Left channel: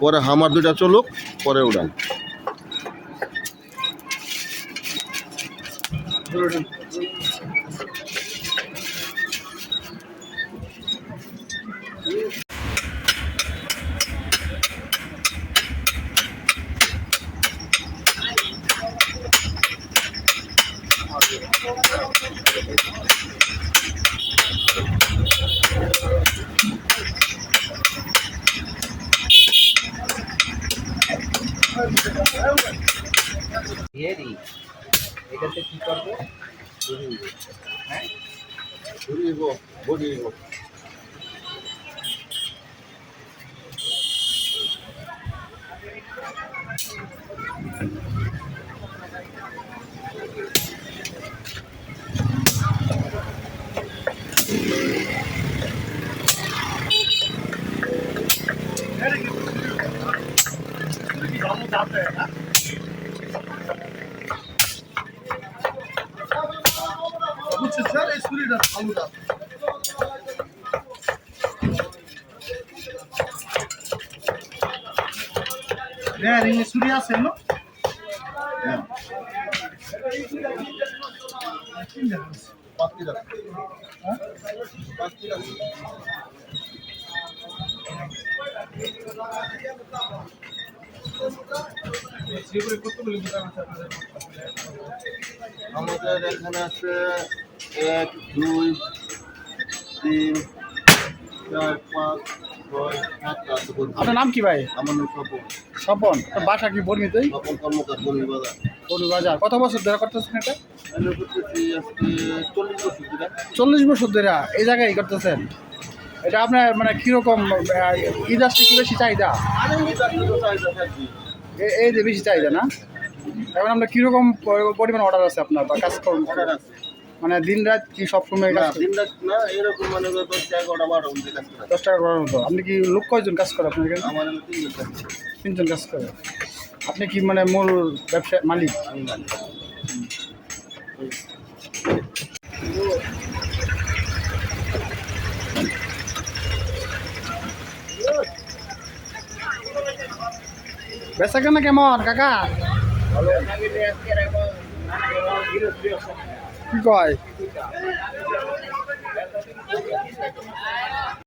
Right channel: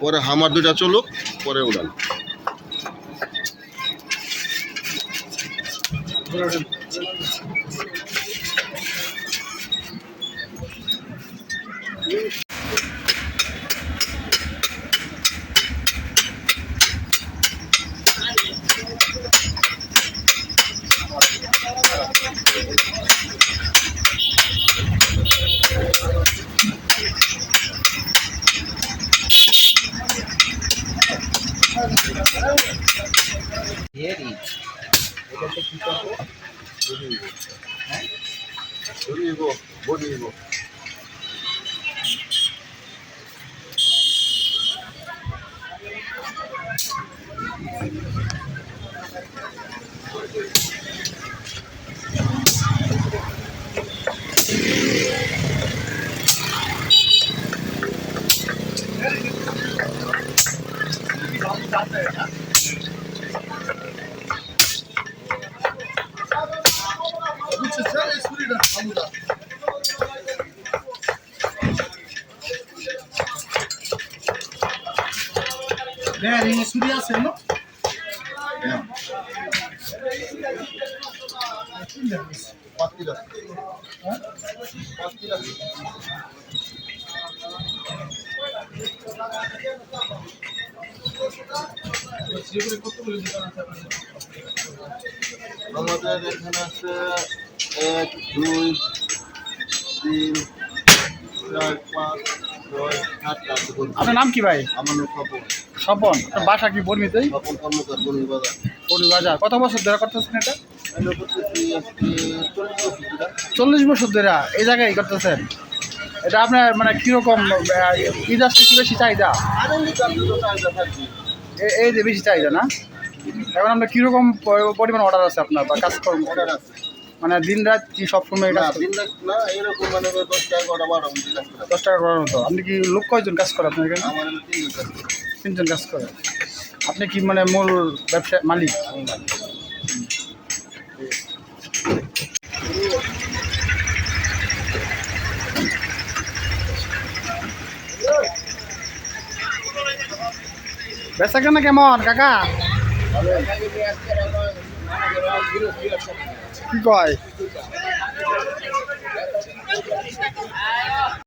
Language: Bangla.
পরে হামার দুটা চলুক, পরে উড়ান। এটাতে কি করবো? হ্যাঁ, বলিব ছুরি আছে না? আমাদের এখানে আছে 1 2 3 4 5 6 7 আছে। আপনার নাম কি ভাই? আমার নাম স্বপন। স্বপন। আপনার বাসা কি বর্মিতেই? স্বপন কর্মকার, বনি বাজার। বাজার। কত বছর ধরে করতেছেন এটা? আমি করতেছি আজকে 40 বছর ধরে। 40 বছর ধরে এই জায়গায় করতেছেন? এটা আপনার মানে কীরকম ঈদ আসছে কি বেশি চাহিদা? এই যে বেশি চাহিদা না? এখন আপনার কীরকম পরিমাণ অর্ডার আছে আপনার বা কাজকর্ম? অর্ডার আছে মানে দিন রাত কি সবসময় না, কাজ? দিন রাত না, এরকম মানে 10 টাকা 12 ঘন্টা কাজ করা। 10 টাকা করার মতো। আপনি কি লোক কয়জন কাজ করে আপনার এখানে? আমার হলো 3 জন কাজ করে। 3 জন কাজ করে। আপনি কি মানে মূল ব্যবসা মালিক? আমি মালিক। বেচা কেনা কেমন কাকা? কি কয়?